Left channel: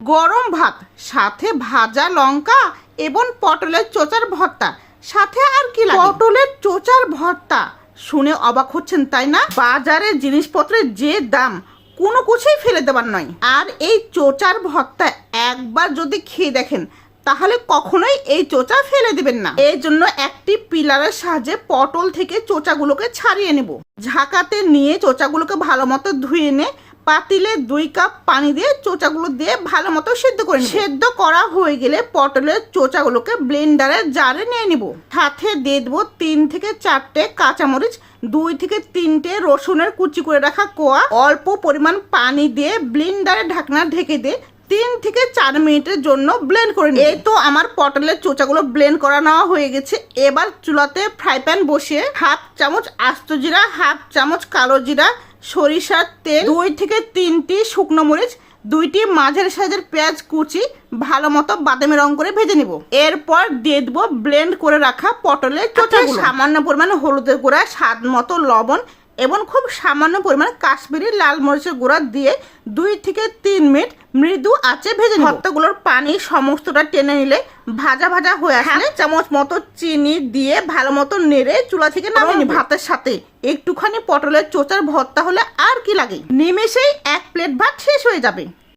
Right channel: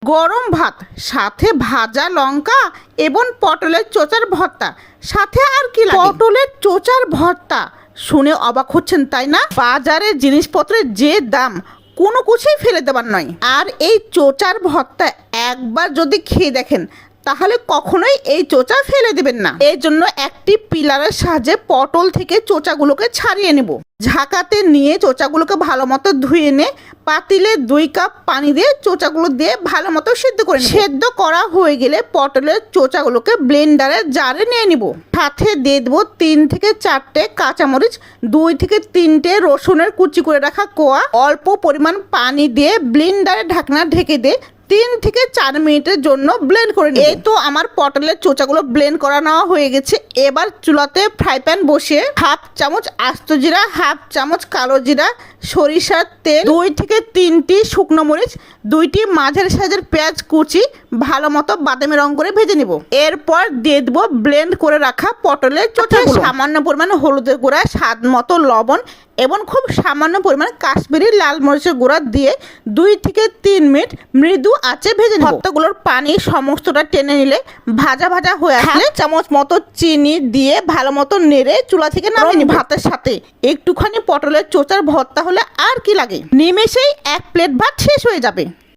গরম ভাত সাথে ভাজা লঙ্কা এবং পটলের চোচার ভর্তা, সাথে আর কি লাগে? পটলের চোচার ভর্তা শুনে অবাক হচ্ছেন তাই না? বাজারে জিনিসপত্রের যে দাম, কোনো কিছুই ফেলে দেবার নয়। আর এই চোচার ভর্তা একবার যদি খেয়ে দেখেন তাহলে কখনোই এই চোচা ফেলে দেবেন না। এই জন্য একটি পিলারের সাহায্যে পটল থেকে চোচাগুলোকে ছাড়িয়ে নেব। ঝাঁকাতে নিয়ে চোচাগুলোকে ভালো মতো ধুয়ে নে পাতিলে 2 কাপ পানি দিয়ে চোচাগুলো দিয়ে ভালো মতো সিদ্ধ করে নেব। সেদ্ধ করা হয়ে গেলে পটলের চোচাগুলোকে ব্লেন্ডারের জারে নিয়ে নিব। সাথে দিয়ে দেবো 3 থেকে 4টে কাঁচামরিচ, 2 থেকে 3টে রসুনের কুচি করে রাখা কোয়া। অল্প পরিমাণ পানি দিয়ে ব্লেন্ডারে ঢাকনা ঢেকে দিয়ে 3 থেকে 4 মিনিটের জন্য ব্লেন্ড করে নিই। এই তো আমার পটলের চোচাগুলো ব্লেন্ড করা নেওয়া হয়ে গেছে। এবার চুলাতে ফ্রাই প্যান বসিয়ে 1/2 চামচ আস্ত জিরা, 1/2 চামচ কালো জিরা, সরিষার তেল, 2 থেকে 3টি শুকনো মরিচ, 2টি মাঝারি সাইজের পেঁয়াজ কুচি ভালো মতো বাদামি রং করে ভেজে নিব। এরপর দিয়ে দেবো ব্লেন্ড করে রাখা পটলের চোচাগুলো, সামান্য পরিমাণে হলুদের গুঁড়া, স্বাদ মতো লবণ এবং খুব সামান্য পরিমাণে কাশ্মীরি লাল মরিচের গুঁড়া দিয়ে 2 থেকে 3 মিনিট মৃদু আঁচে ভেজে নেব। ভর্তাগুলোর পানি সমস্তটা টেনে নিলে ভাজা ভাজা হয়ে আসলে 1 চামচ মতো চিনি দিয়ে ভালো মতো নেড়ে চুলা থেকে নামিয়ে নিব। ভাতের সাথে একটুখানি পটলের চোচার ভর্তা হলে আর কি লাগে, নিমেষেই 1 প্লেট ভাত শেষ হয়ে যাবে।